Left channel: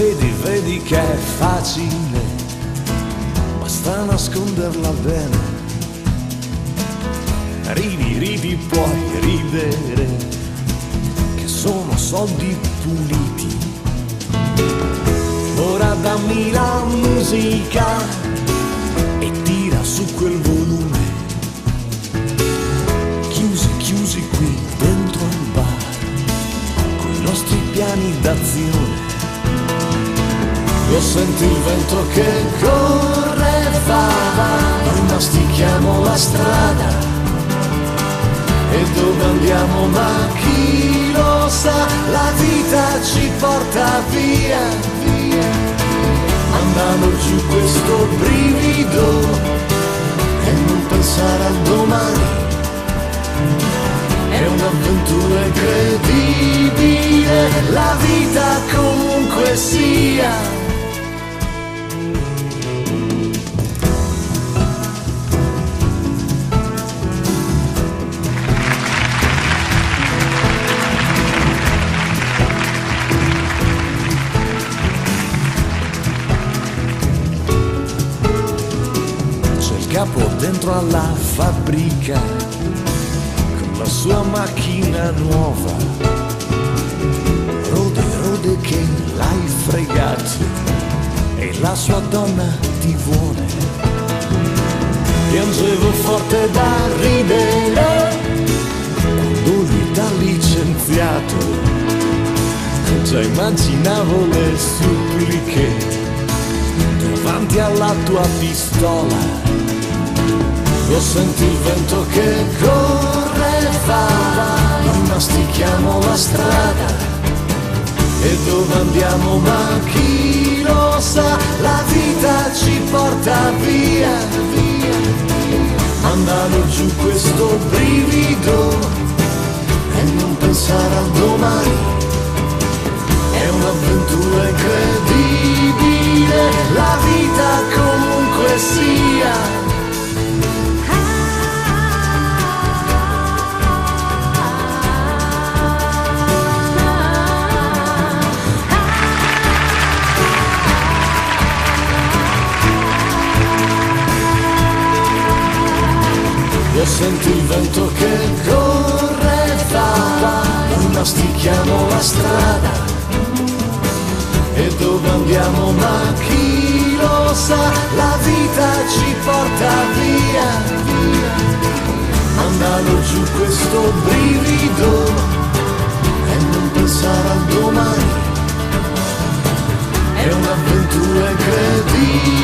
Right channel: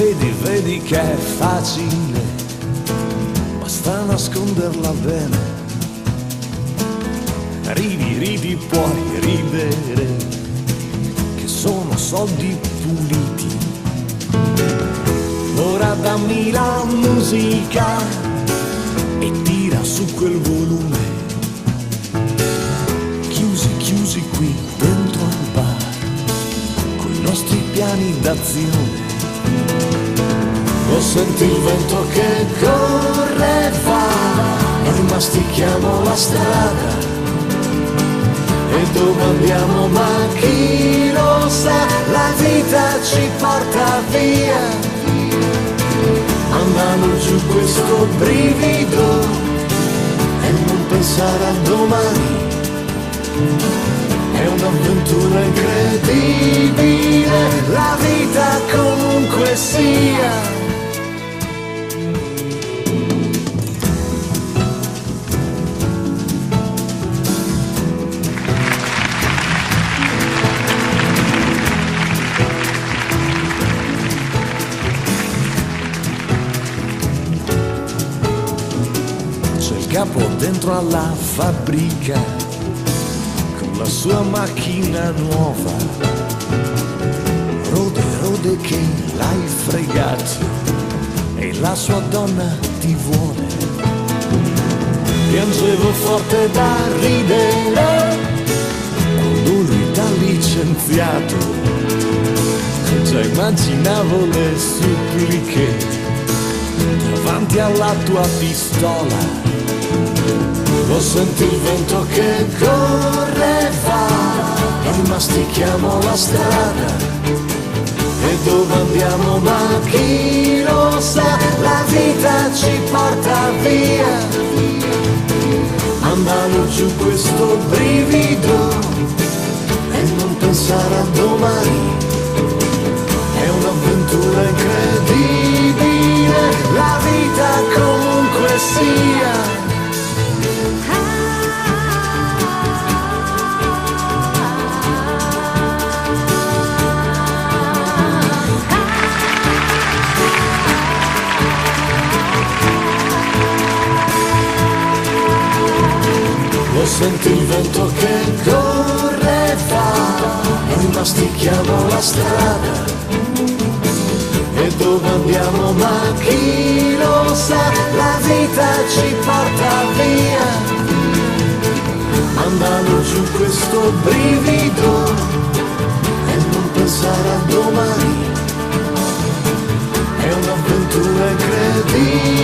Vedi che è facile, basta nasconderla bene. Ridi, puoi ridere, che sono soldi puliti. Ora dammi la musica e tira su quel volume. Chiusi qui dentro al bar, con i nostri piani d'azione. Lo senti il vento che corre e va, noi mastichiamo la strada. E dove andiamo ma chi lo sa, la vita ci porta via. Mandando giù questo brivido e non pensare a domani. È un'avventura incredibile, la vita comunque sia. Capo dentro alla fabbrica con la sua macchina nuova. Rode che l'hai fregato e la sua donna ti vuole. Piangevo forte da ridere quando lui t'ha licenziato. Già immaginavo le suppliche davanti alla tua pistola. Lo senti il vento che corre e va, noi mastichiamo la strada. E dove andiamo ma chi lo sa, la vita ci porta via. Mandando giù questo brivido e non pensare a domani. È un'avventura incredibile, la vita comunque sia. Lo senti il vento che corre e va, noi mastichiamo la strada. E dove andiamo ma chi lo sa, la vita ci porta via. Mandando giù questo brivido e non pensare a domani. È un'avventura incredibile.